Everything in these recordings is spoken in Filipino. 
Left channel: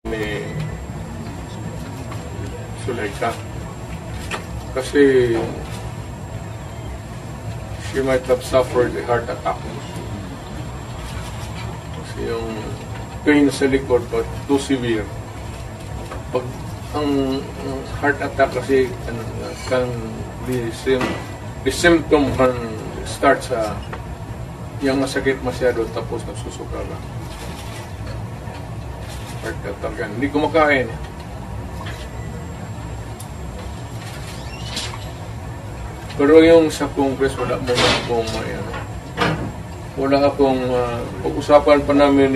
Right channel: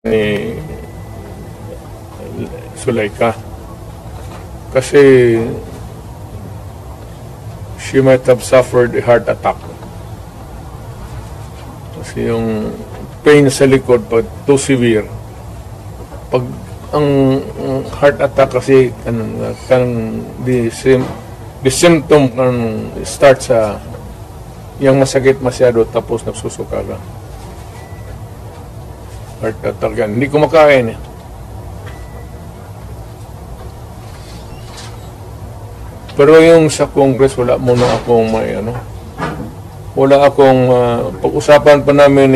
ni Zulaika kasi she might have suffered a heart attack kasi yung pain sa likod pag too severe pag ang heart attack kasi kan the symptom kan start sa yung masakit masyado tapos nagsusuka ka. Heart attack yan. Hindi kumakain. Pero yung sa Congress, wala muna akong wala akong pag-usapan pa namin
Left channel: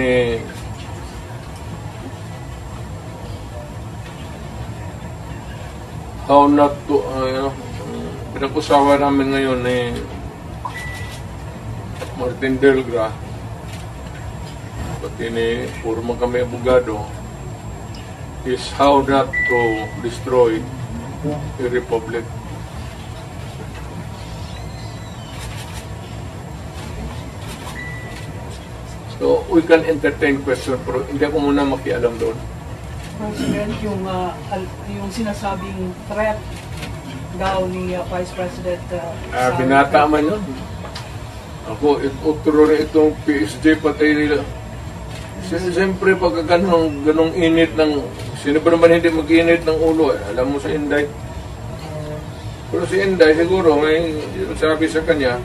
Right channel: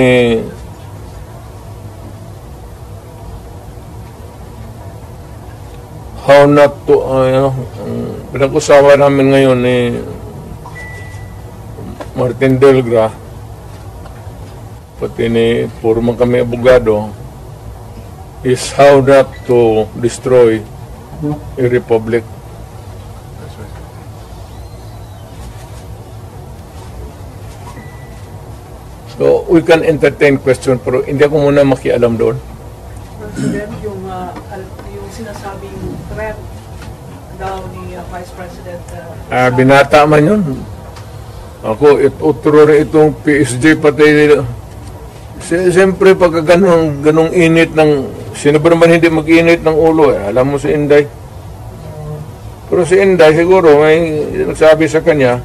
how not to, pinag-usapan namin ngayon Martin Delgra, pati puro man kami abogado, is how not to destroy a republic. So, we can entertain question, pero hindi ako muna makialam doon. President, yung sinasabing threat daw ni Vice President... binata man yun. Ako, utro rin itong PSG pati nila. Siyempre, pagka ganong init ng... Sino ba naman hindi mag-init ng ulo? Alam mo si Inday. Pero si Inday, siguro, may sabi sa kanya,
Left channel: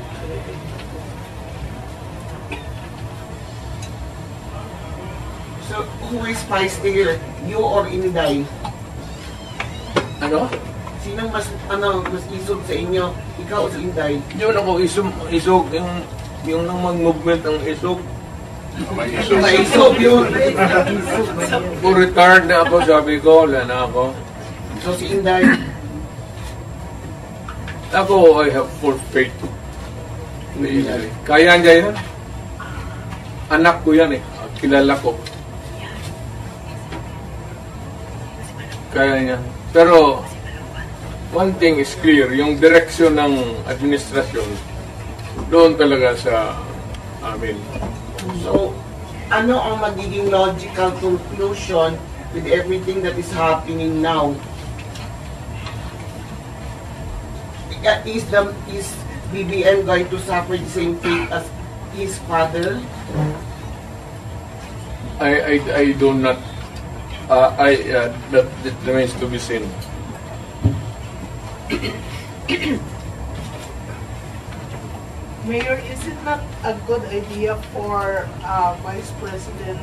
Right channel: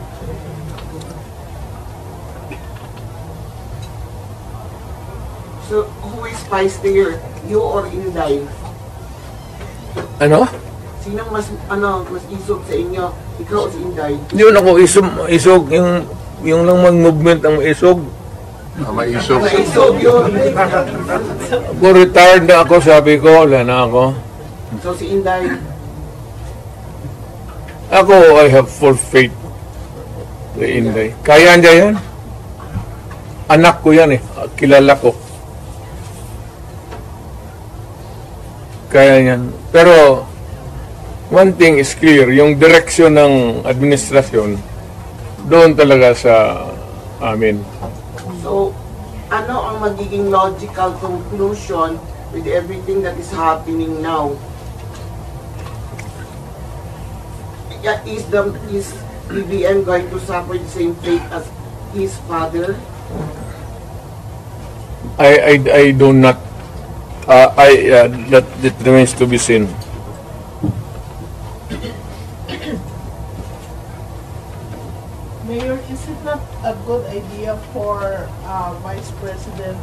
so, who is feisty, you or Inday? ano? Sino mas isog sa inyo? Ikaw o si Inday? Hindi mo ako isog, yung lang mag-movement ang isog. Maisog. Maisog yun. Kung retired na ako, sabi ko, wala na ako. So si Inday? Ako, I have full faith kay Inday. Kaya niya yan. Anak ko yan kilala ko. Kaya yan. Pero, one thing is clear, yung direksyon ng administrasyon, doon talaga sa amin. So, ano ang magiging logical conclusion with everything that is happening now? Is BBM going to suffer the same fate as his father? I do not, that remains to be seen. Mayor, is it not a good idea for Vice President